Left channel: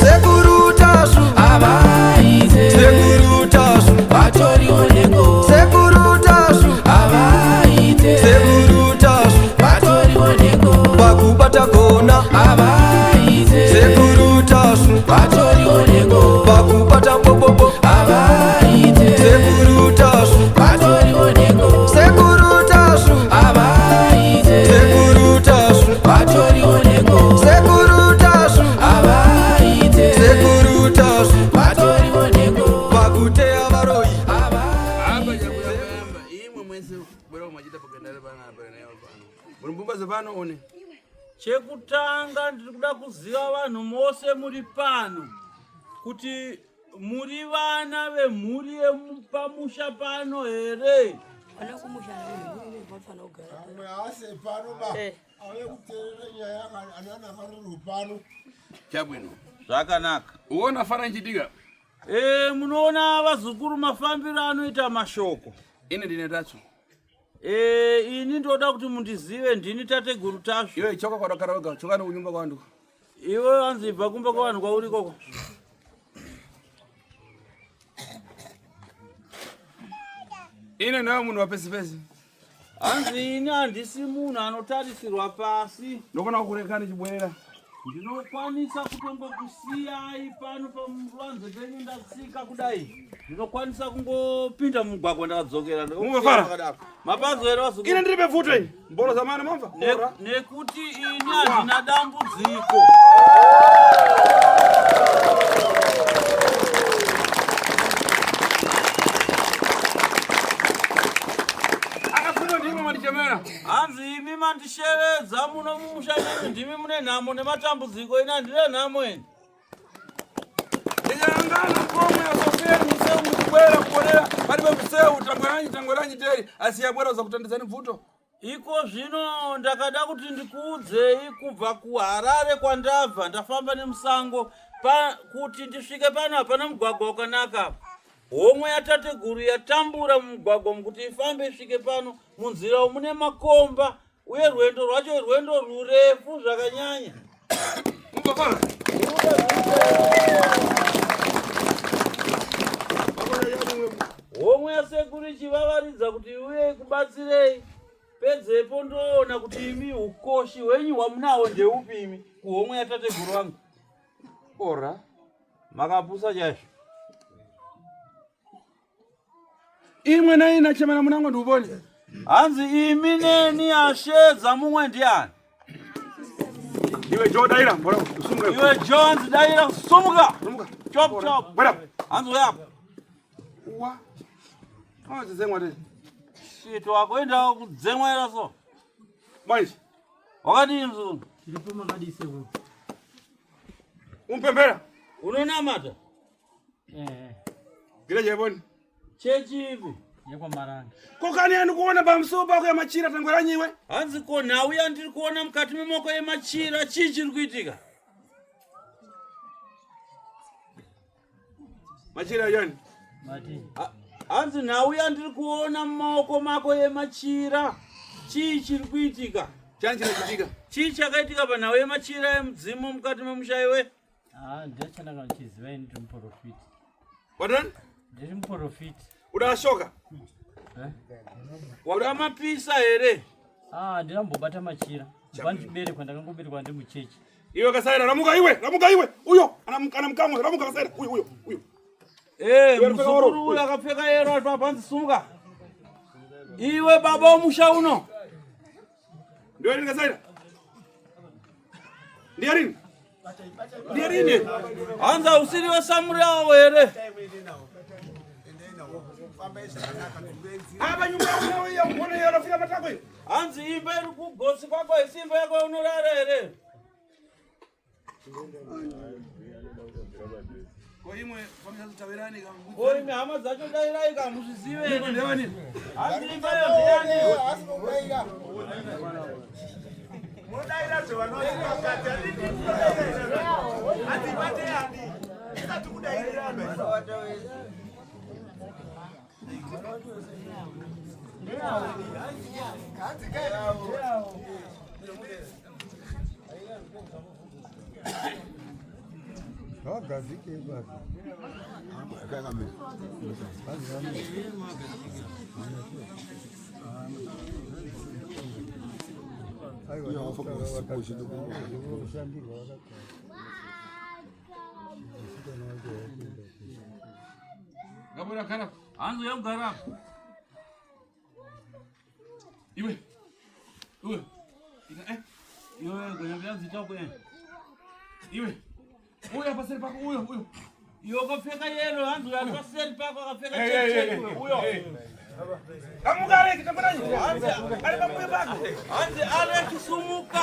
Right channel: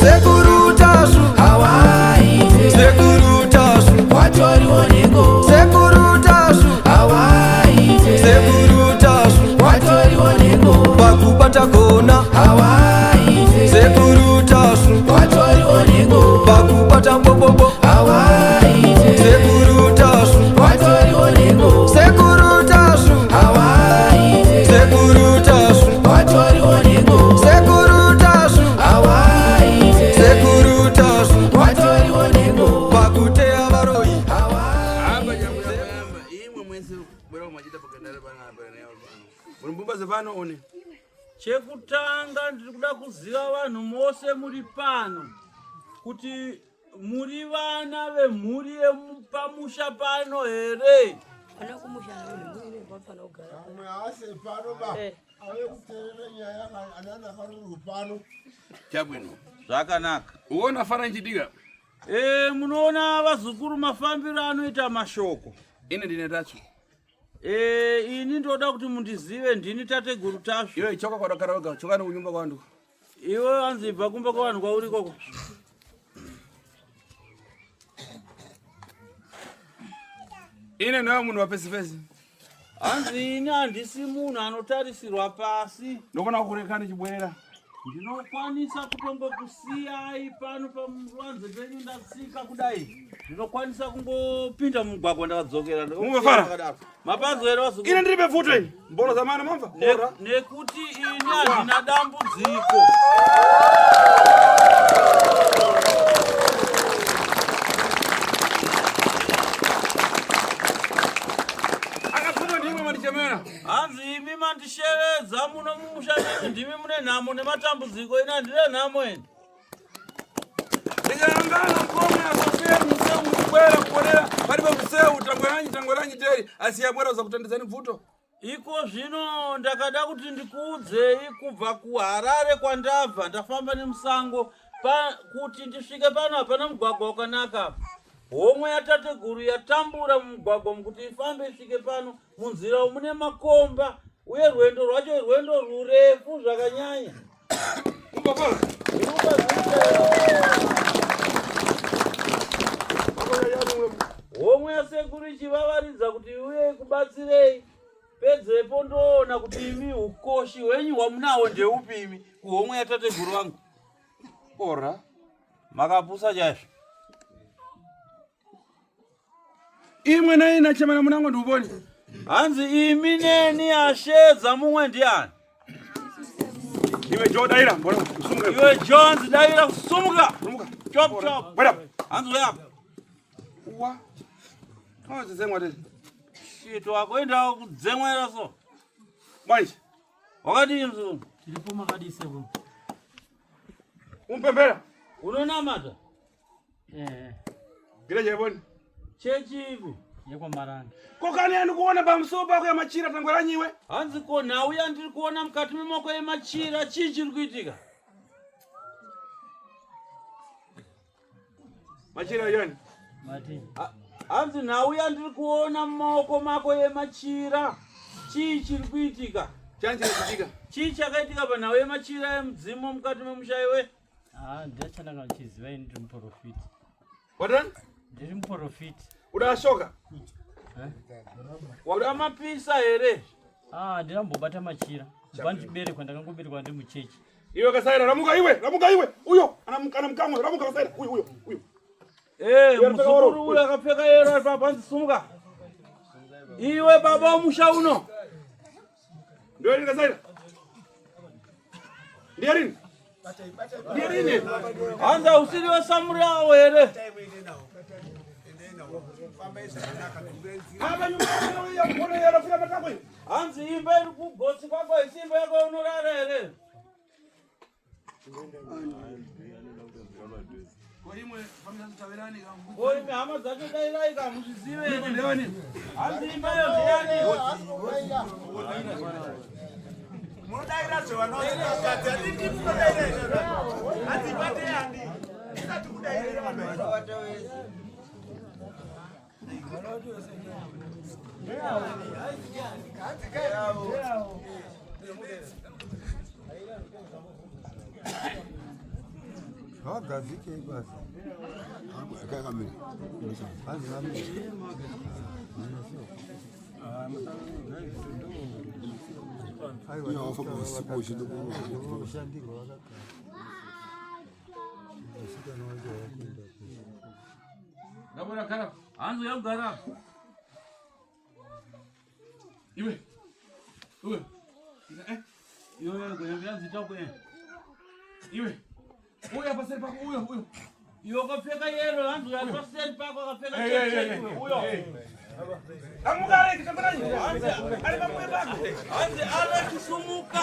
sekuru tasu avaite sekuru tasu vatorioneko sekuru tasu avaite sekuru tasu vatorioneko pakubata kona avaite sekuru tasu vatorioneko pakubata bobobo avaite sekuru tasu vatorioneko sekuru tasu avaite sekuru tasu vatorioneko sekuru tasu avaite sekuru tasu vatorioneko pakuteya varoi Hapa jambo yamba imwe mwense bwera mwachita pakendale bana bana yao pano. Mumbumbaze pano one. Chekutanga ndiri kuda kuziva vanhu mose muri pano kuti muri vana vemhuri yepamusha pano here. Chabwino. Zvakanaka. Uona fana nchitika. Munoona vazukuru mafambiro anoita mashoko. Ine ndine tacho. Ini ndoda kuti mundizive ndini tateguru Tashu. Iwe choka kwa dakaraga, choka no kunyumba kwandu. Iwe anzibva kumba kwavanhu kwauri koko. Ine nawe munhu wapesipesi. Hanzi ini handisi munhu anotarisirwa pasi. Ndokona kurekani chibwera. Ndinokwanisa kutongokusiyai pano pamuvanze penyu ndatsika kudai. Ndinokwanisa kungopinda mumugwagwa ndakadzokera. Mungofara? Mapanzo here vazukuru. Ine ndiribe bvuto ini. Mbolo zamana mamva? Nekuti ini handina dambudziko. Akafuma ndimo mandichemera. Hanzi imi mandishevedza muno mumusha menyu ndimi mune nhamo nematambudziko ina ndine nhamo eni. Ndikangana mkomwe ya Sofia museu mutibwera kuonera palibe museu tangweranyi teri asiyabwera za kutandizani bvuto. Iko zvino ndakada kuti ndikuudzei kubva kuHarare kwandabva ndafamba nemusango kuti ndisvike pano hapana mugwagwa wakanaka. Homwe yatateguru yatambura mumugwagwa kuti ifambe isvike pano munzira mune makomba uye rwendo rwacho rwendo rurefu zvakanyanya. Mungofara? Homwe yasekuru ichivavaridza kuti uye kubatsirei. Pedzepo ndoona kuti imi ukoshi hwenyu hwamunawo ndeupi imi kuhomwe yatateguru vangu. Ora. Makapusa chaizvo. Imwe naina chemana munango nduboni. Hanzi imi neni ashedza mumwe ndiani. Iwe Joe Daira, mbona usumuka. Iwe Jones Daira sumuka. Sumuka. Chop chop. Bwana. Hanzi uyapa. Uwa. Kama zezengwa tete. Shit wakoenda kudzemwera so. Manje. Wakadini mzungu? Tiripo makadise bro. Umpembera. Unonamata? Gila jeboni. Chechi ipi? Yekwa Maranga. Kokani anu kuona pamusopa kwa machira tangweranyi iwe? Hanzi ko nawe yandiri kuona mukati memoko yemachira chii chiri kuitika? Machira yoni. Mati. Hanzi nawe yandiri kuona mumaoko mako yemachira chii chiri kuitika? Chani chichitika. Chii chakaitika panhau yemachira emudzimu mukati memusha iwe? Ndachandanga ndichiziva ini ndiri muprofiti. Wadani? Ndiri muprofiti. Udashoka? Wakamapisa here? Ndinambobata machira. Kubva ndichiberekwa ndakangoberekwa ndi muchechi. Iwe kasaira ramuka iwe. Uyo anamkamwe ramuka kasaira. Uyo. Muzukuru uyu akapfeka yero papanzi sumuka. Iwe baba womusha uno. Ndio rini kasaira? Ndio rini? Hanza usiri wesamuri awo here? Hanzi imba iri kugosi kwako isimba yako unorara here? Oime hama dzacho dairai kamuzvizive here? Hanzi imba yo ndeyani? Gazike basi. Hanzi yogara. Iwe. Iwe kwenye viazi chako yeye. Iwe. Huyo hapa sasa pako huyo. Yo kafeka yelo hanzi ya pasel pako kafeka huyo. Kamugare kitamani. Hanzi ale kisumuka.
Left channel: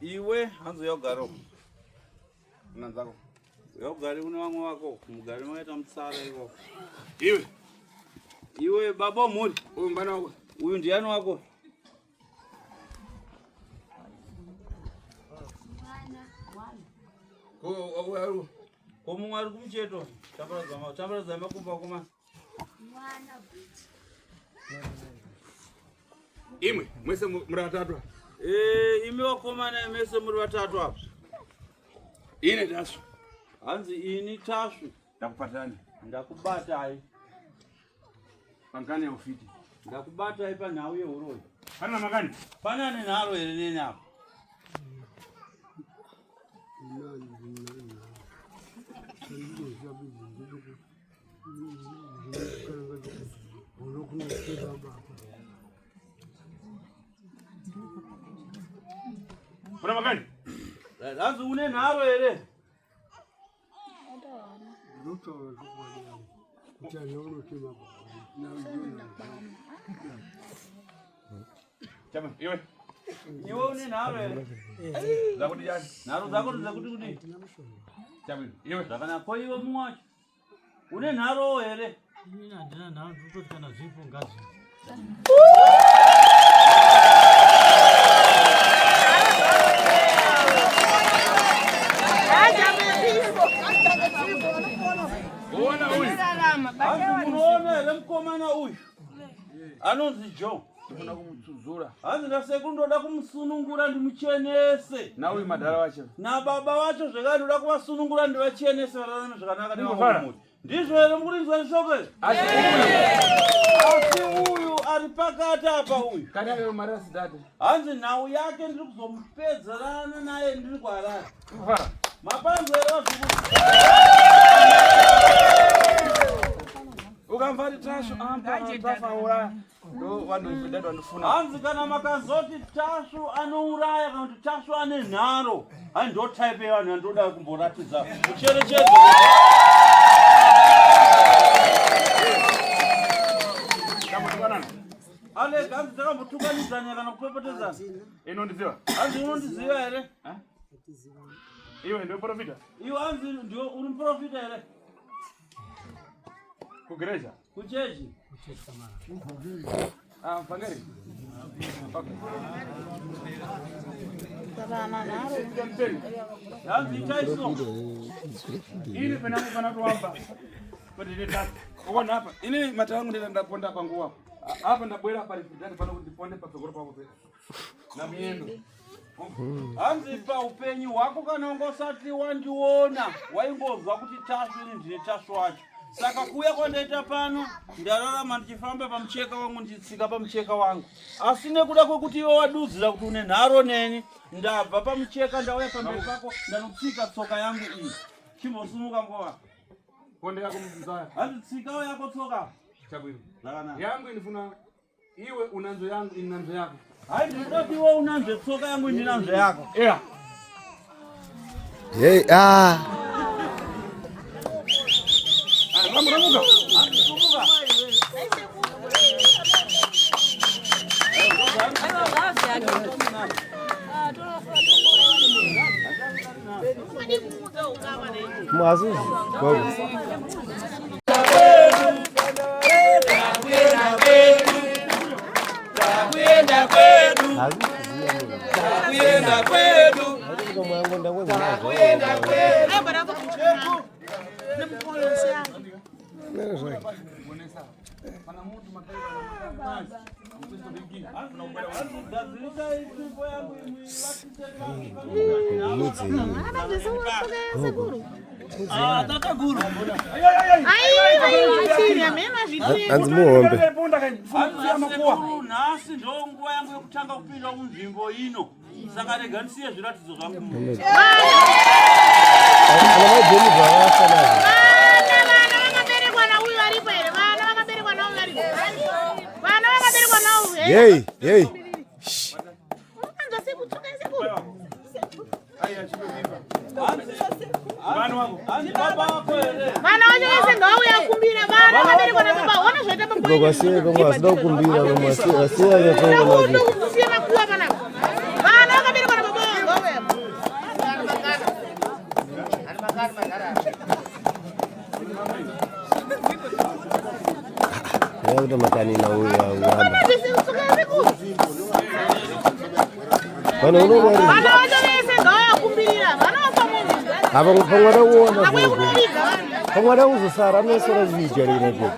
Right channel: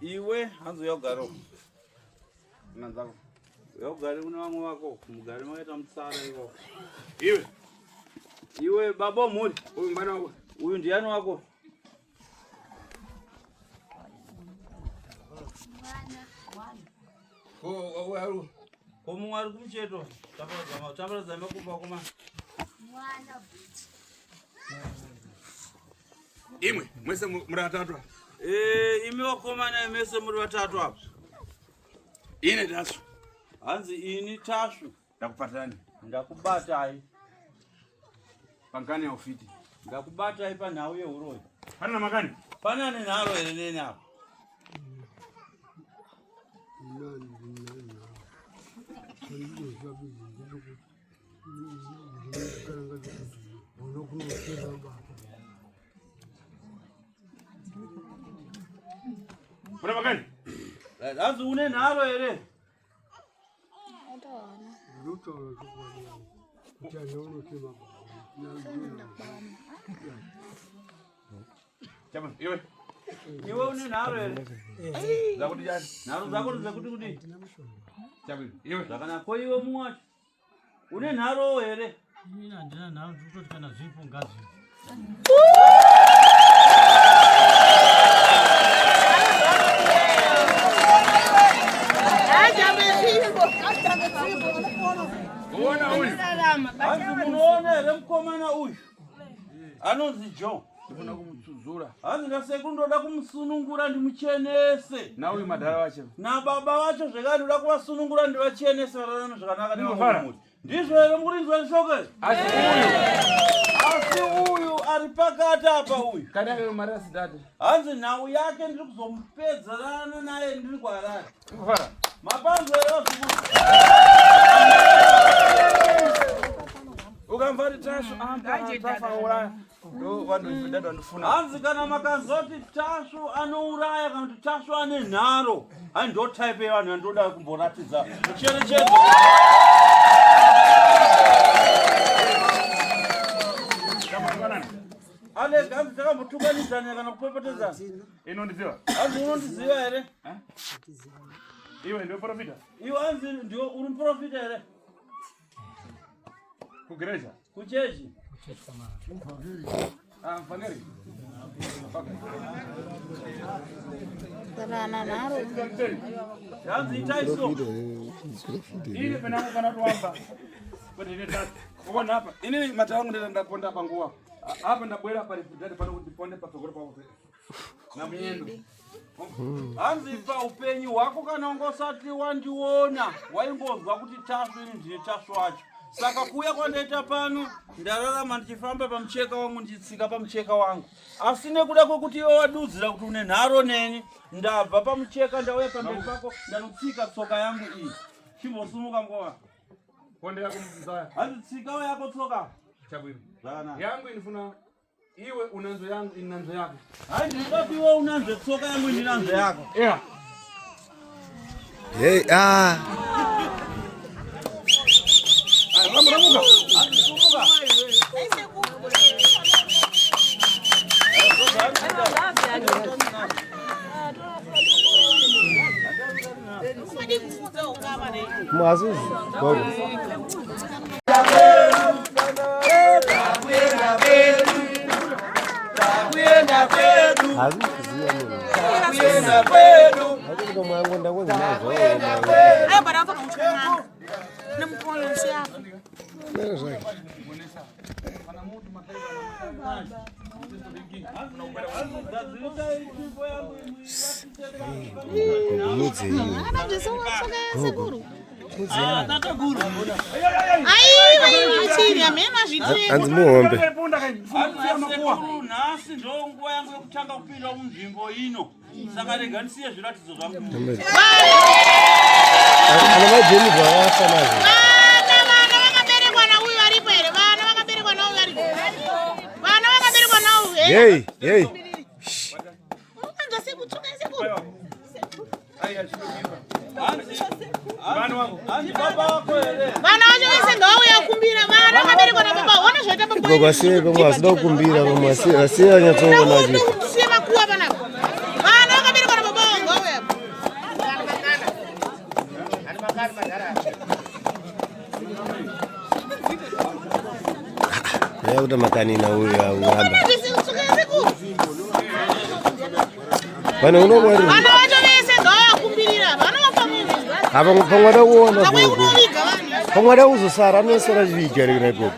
Iwe hanzo yogaro. Nanzako. Yogari una wangu wako. Mugari mwaita msala hiyo. Iwe babo muri. Huyu mbana wako. Huyu ndiano wako. Waru. Komungari kumcheto. Chambara zama kumba kuma. Imwe, mwese muri batatu. Imi wakomana mese muri batatu hapo. Ine tasu. Hanzi ini tasu. Ndakupatani. Ndakubata hai. Pankani ya ufiti. Ndakubata hai pana uye uroi. Pana makani? Pana ni naro nini hapo. Kuna makani? Hanzi une naro ere. Chama, iwe. Iwe une naro ere. Zakuti jani. Naro zakuti kuti. Chama, iwe. Zakana ko iwe muwacho. Une naro ere. Mina ndina naro tutoti kana zvipo ngazi. Muone remkomana uyu. Anonzi John. Ndifuna kumutsuzura. Hanzi ndasekundoda kumusunungura ndimuchenese. Na uyu madhara wacho. Na baba wacho zvekare ndoda kuvasunungura ndivachenese vatarana zvakanaka nevamwe. Ndizvo here murizwa shoko? Asi uyu ari pakati apa uyu. Kani ave marasi date. Hanzi nhau yake ndiri kuzomupedzerana naye ndiri kuHarare. Kufara. Mapanzo here vazukuru. Ukamvari tashu tafauraya. Ndo vanhu vedadu vandifuna. Hanzi kana makazoti tashu anouraya kana kuti tashu ane nharo. Hai ndo type yevanhu yandoda kumboratidza. Mucherechedzo. Tamutukanana. Ale hanzi takambotukanidzana kana kupepetedzana. Inondiziva? Hanzi unondiziva here? Iwe ndio profita? Iwe hanzi ndio uri muprofita here? Kugereja? Kuchechi? Mfangeri. Yazi itaiso. Ili pana tu hapa. Kwa nini tatu? Uone hapa. Ini mata wangu ndio ndaponda hapa nguo hapa. Hapa ndabwera hapa ripitani pana kuziponde pa sokoro papo. Na miendo. Anzipa upenyi wako kanongosati wandiona waimbozwa kuti chasu ini ndine chasu wacho. Saka kuya kwandaita pano ndararama ndichifamba pamucheka wangu ndichitsika pamucheka wangu. Asine kuda kwekuti iwe wadudzira kuti une nharo neni ndabva pamucheka ndauya pamberi pako ndanotsika tsoka yangu iyi. Chimbosumuka ngova. Ponde yako mzaya. Anditsikawo yako tsoka. Chabwino. Zvakanaka. Yangu inifuna iwe unanzo yangu inanzo yako. Hai ndinoti iwe unanzo tsoka yangu ndinanzo yako. Yeah. Hey, Ramuka. Mwazizi. Baba. Anzimuombe. Nasi ndongo yangu yekutanga kupinda munzvimbo ino. Saka rega ndisiye zviratidzo zvangu. Ana majeni bvawafa nazvo. Vana vakaberekwa nauyu varipo here? Vana vakaberekwa nauyu varipo? Vana vakaberekwa nauyu here? Hey. Unokanza sekutsuka sekuru? Vana vacho vese ngauya kumbira. Vana vakaberekwa nababa. Ona zvoita baba. Baba siye kama asida kukumbira kama asiye anyatsoona maji. Kusiya makuwa panapa. Vana vakaberekwa nababa ngauya. Yakuta makanina uyu uramba. Ndisitsuka sekuru. Kana unomwari. Vana vacho vese ngauya kumbirira. Vana vapamunhu. Apa pamwada kuona Ngauya kuko. kuviga vana. Pamwada uzosara anosara zviga rina kuko.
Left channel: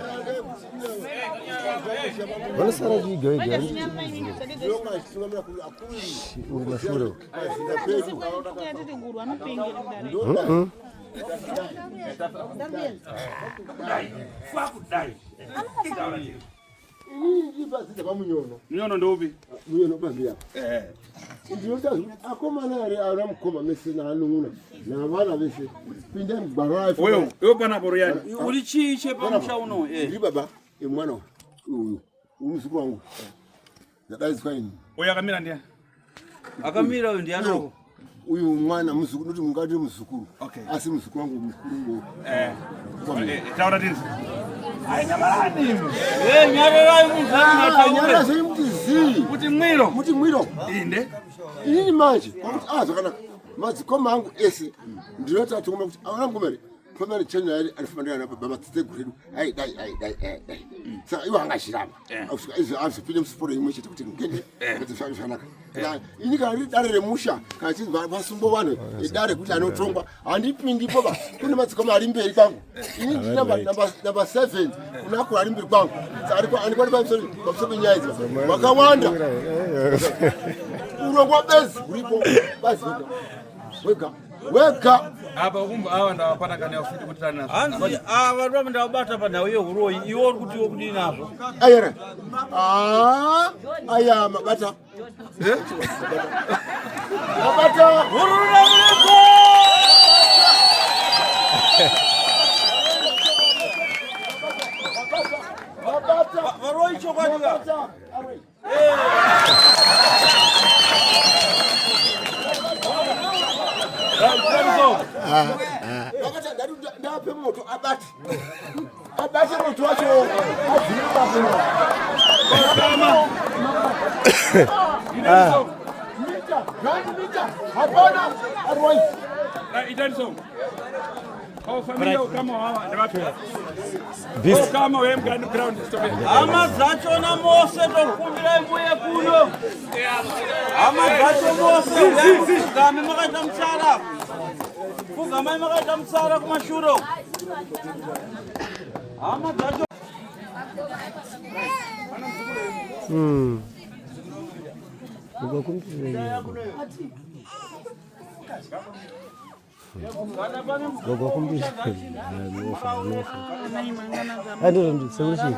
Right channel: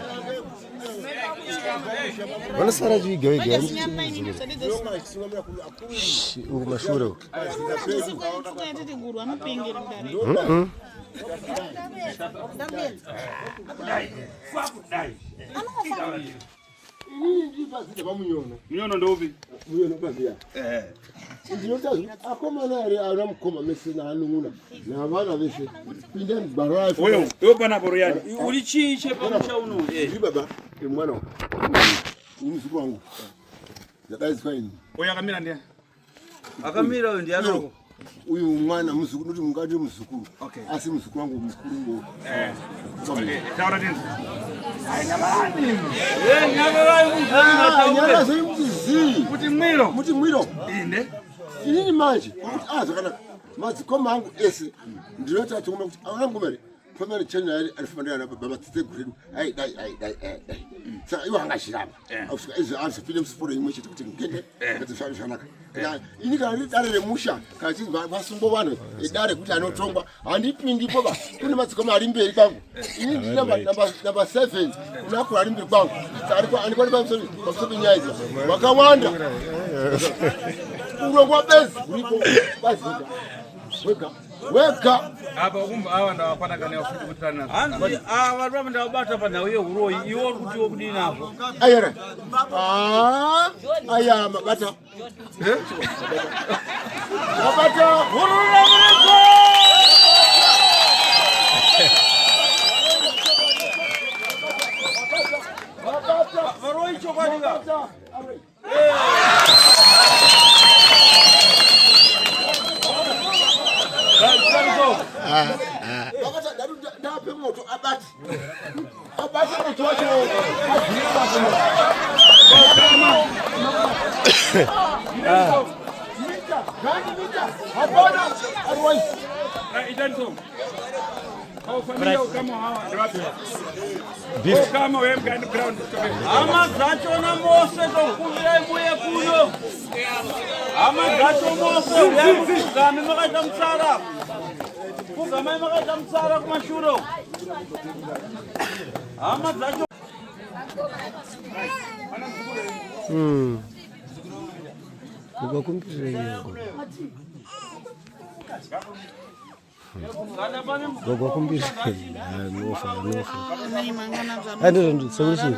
Vanosara zviga vega. Uri mashure. Miono ndo upi? Ndinotazi akomana ari aramukoma mesina anunguna navana veshe pinde mugwaro racho Wewe pana boro yani. Uri chiche pamusha uno. ndi baba emwana umuzukuru wangu ndakaiswa ini Oya kamira ndiye. Akamira uyu ndianoko. uyu mwana muzukuru noti mungati muzukuru Okay. asi muzukuru wangu mukuru ngo Taura tini. nyara ziri mutizi Kuti mwiro. muti mwiro Inde. inini manje kuti zvakanaka madzikoma angu ese ndinoti atongoma kuti aangomere pamene chenya yari alifanira na baba titeguredu dai saka iwo angashirama ausvika izvo azopinde musiporo imwe chete kuti ngende ngadzishari zvakanaka ini kana riri dare remusha kana chinzi vasumbo vanhu dare kuti anotongwa handipindipo ba kune madzikoma ari mberi kwangu ini ndiri namba 7 kunakura ari mberi kwangu saka andikwani pamusoro penyaya idzi wakawanda urongwa bezi uripo bazi wega Apa ukumva awa ndawapata kana yafuti kutana nazo. Hanzi ava rwava ndavabata panhau yehuroyi iwo uri kuti wokudii nazvo. ayere aya mabata mabata Hururaviriko! Varoyi chokwadi ka. ndape moto abate moto wacho mita hapana arwai Itani so. Familia kama hawa ndio watu. Kwa kama wewe mgani ground. Ama zacho na Mose tokumbira ibuye kuno. Ama zacho Mose wewe kugame makaita msara. Kugame makaita msara kumashuro. Ama zacho Ukakumbira Gogo kumbira. Nofa. Ando solution.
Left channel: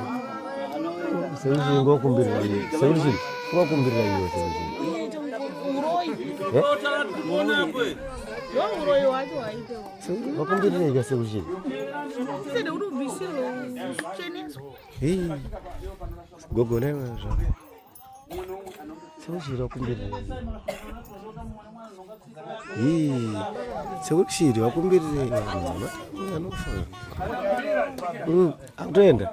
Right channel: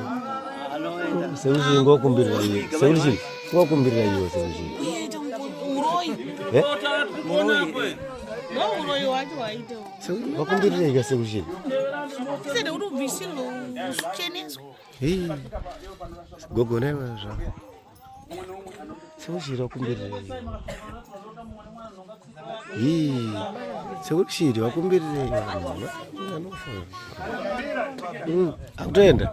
Solution go kumbira. Solution. Go kumbira hiyo solution. Go kumbira hiyo solution. Hey. Gogo newa. Solution kumbira. Sekushiri wakumbirire anofa akutenda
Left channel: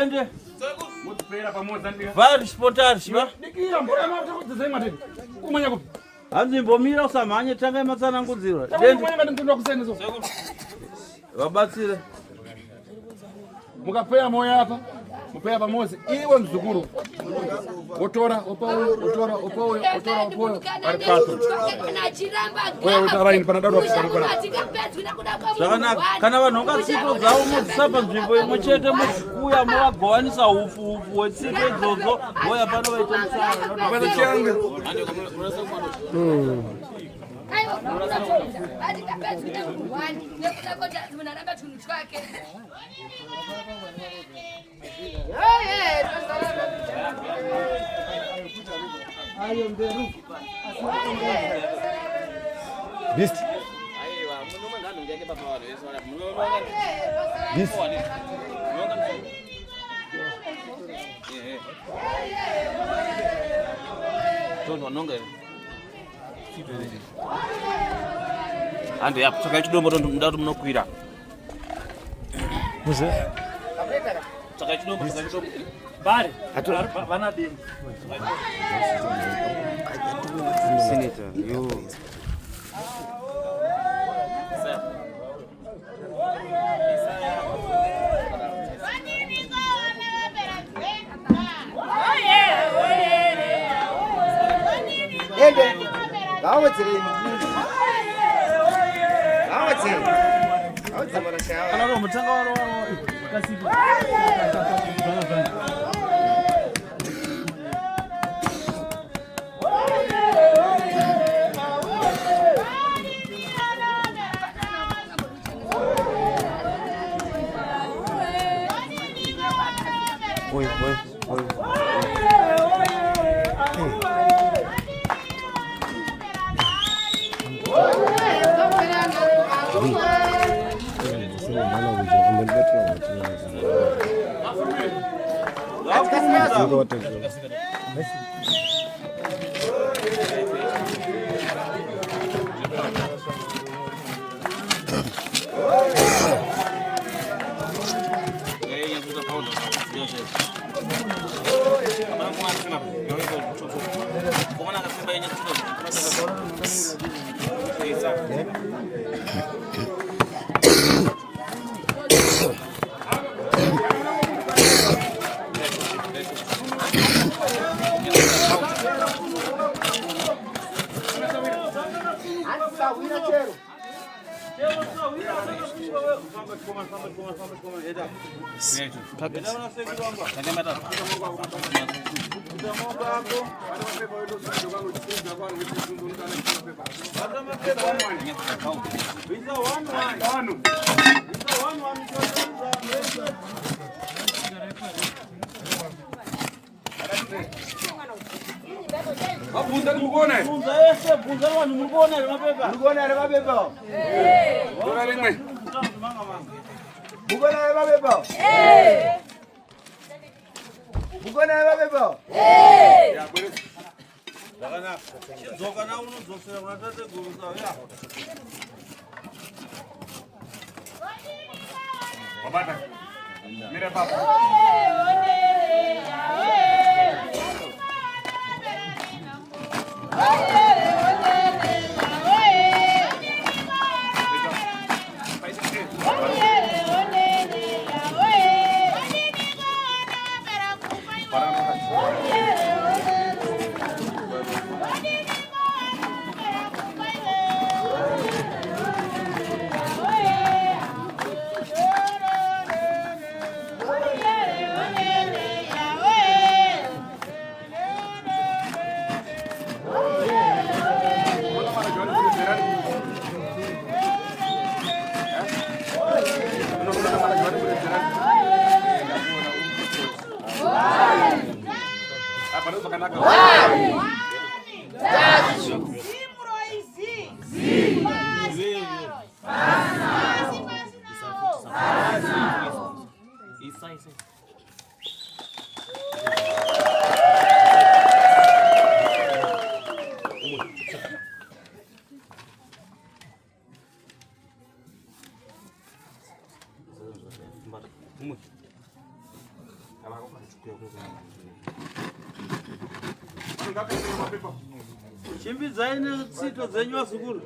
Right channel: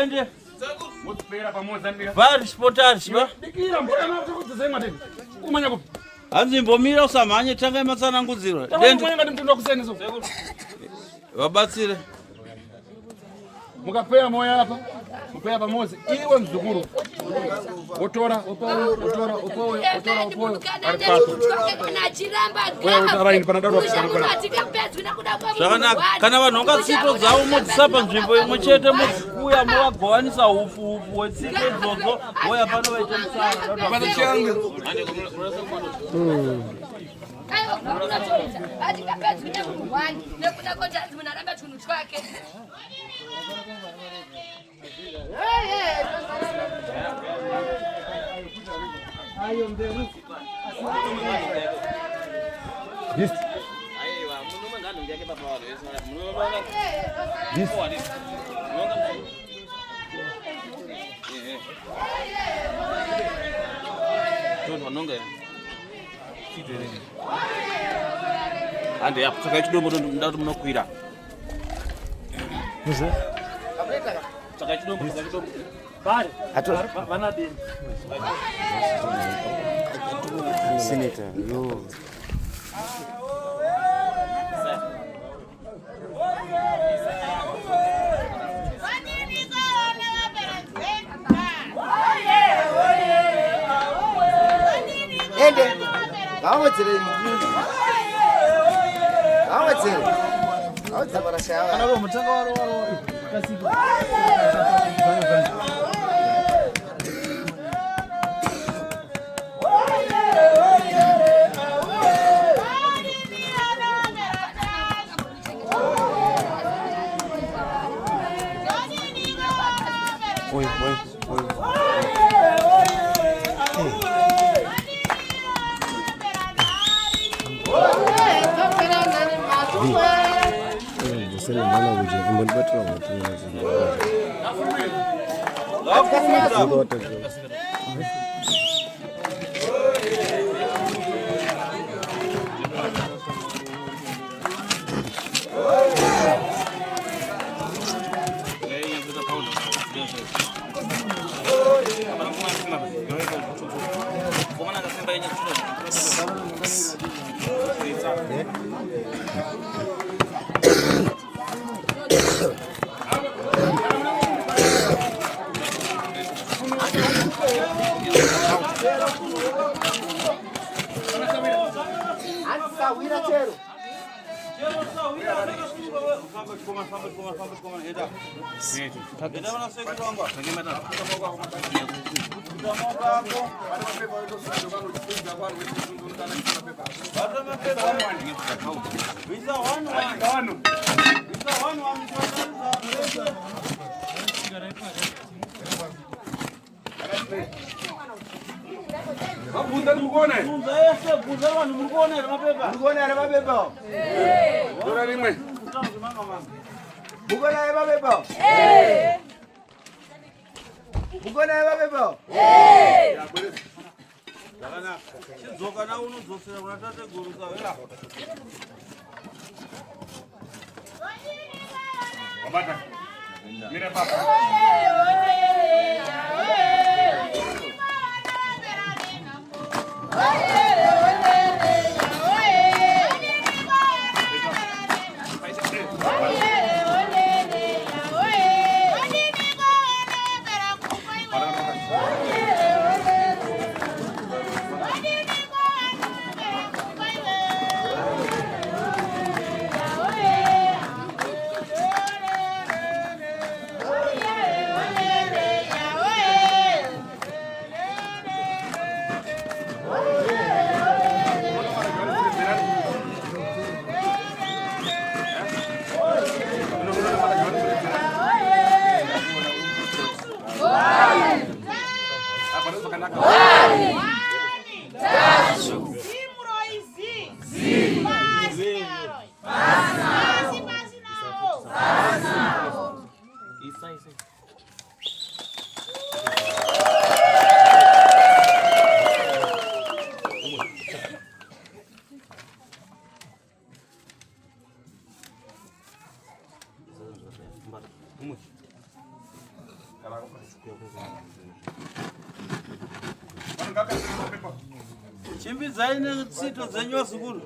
ende Mutipera pamoja ndio. vari sporters va Dikira mbona mtakutzenga tena. Kumanya kupi? hanzimbomira usamhanye tanga imatsanangudziro Dende ngati mtondo kusenizo. vabatsire Mukapea moyo hapa. Mupea pamoja. Iwe mzukuru. Otora, opoyo. Ari paso. Wewe utaraini pana dadu akisharuka. zvakanaka kana vanhu vakatsiko dzavo modzisa panzvimbo imwe chete modzikuya movagowanisa ufu hwetsiko idzodzo voya pano vaita List. ando yakutsvaka chidombo ndati munokwira tsvaka chidombo Bari. Vana dini. Senator, yo. Ende. Gawatsire ni. Gawatsire. Gawatsire barashaka. Kana ro mutanga waro kasiki. Oi. Você não vai na uja, como vai para lá, Babata. Mira papa. Chimbidzai netsito dzenyu wazukuru.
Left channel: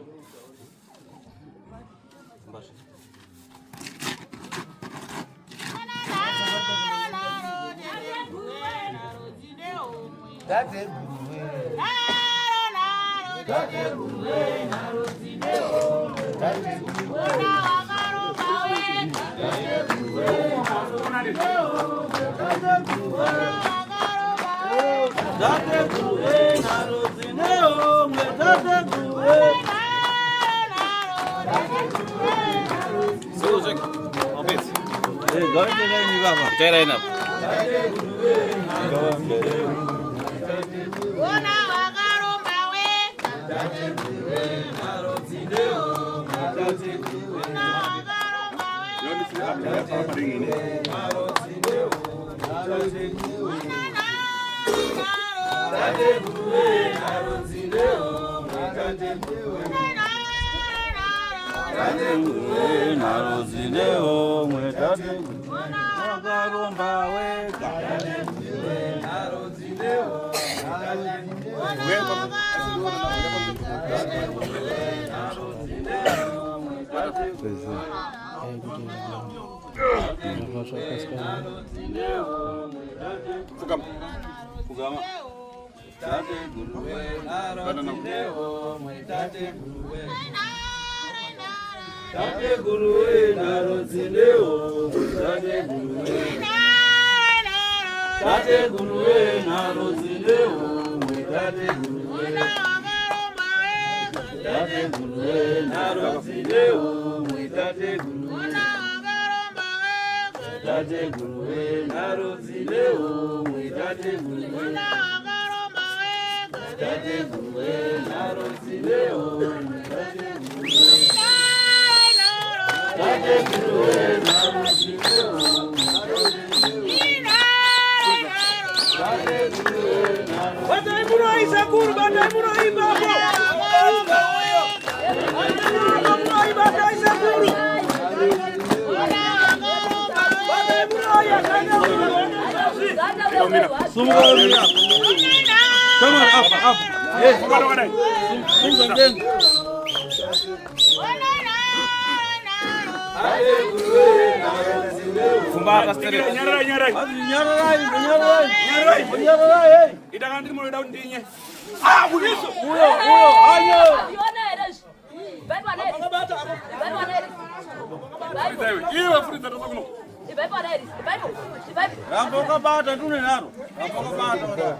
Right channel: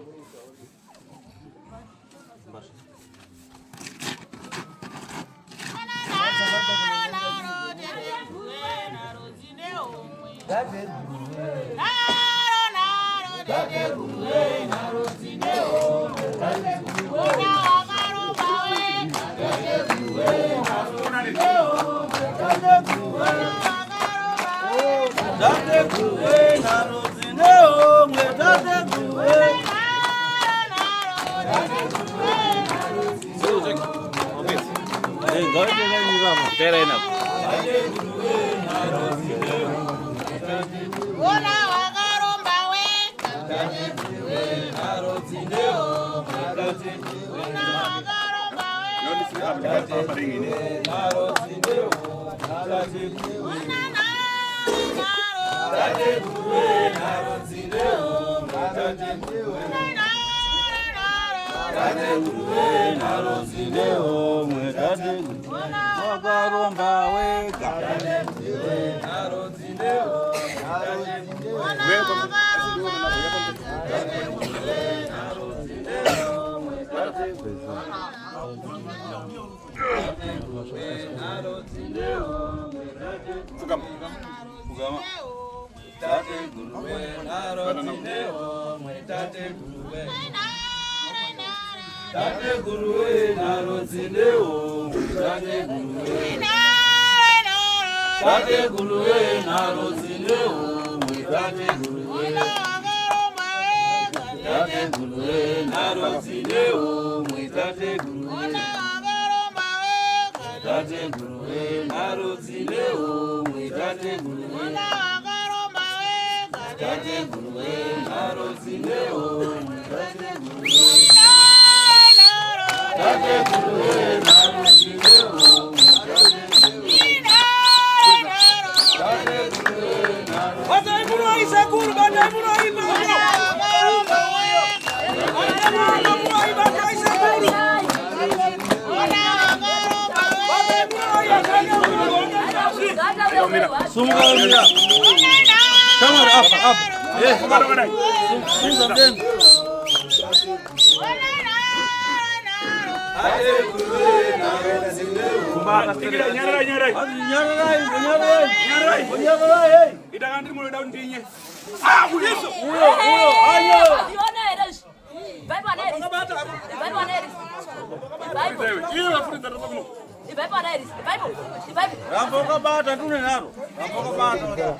Ramboka bata tune naro. Ramboka bata.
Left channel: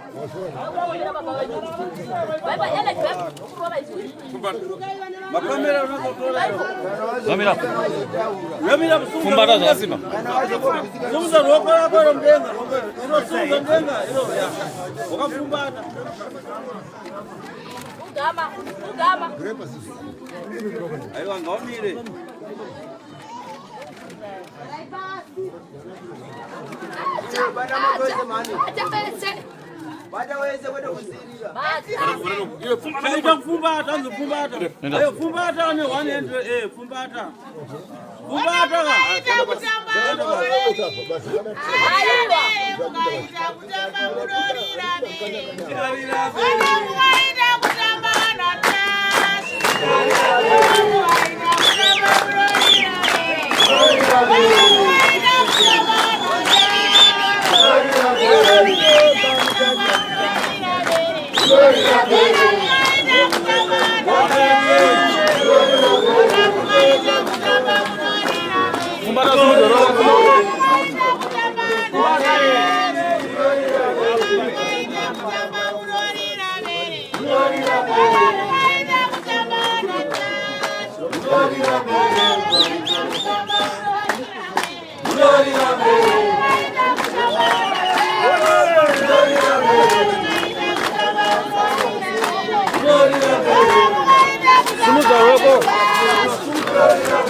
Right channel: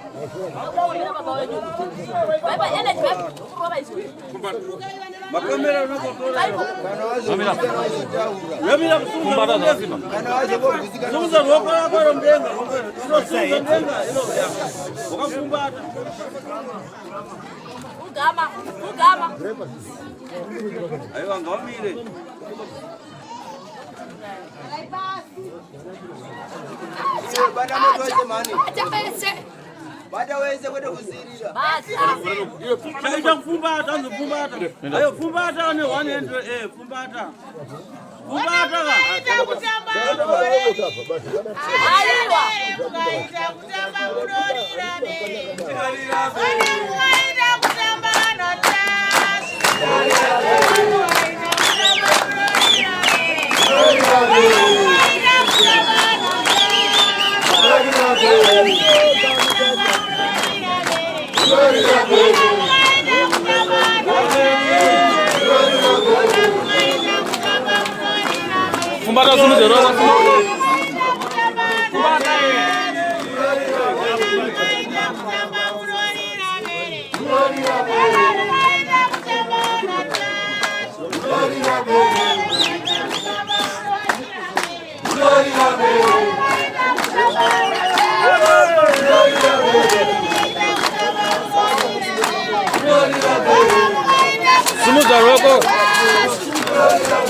Makamera unakotoa hiyo. Yamira sunga lazima. Sunga roko kwa mdenga. Ilo sunga mdenga ilo ya. Wakafumbata. Ugama. Ayo ngomile. Ayo fumbata, anzo fumbata. Ayo fumbata ne wanende fumbata. Fumbata ka. Thank you. Kumbata zunguzero. Zunguzero.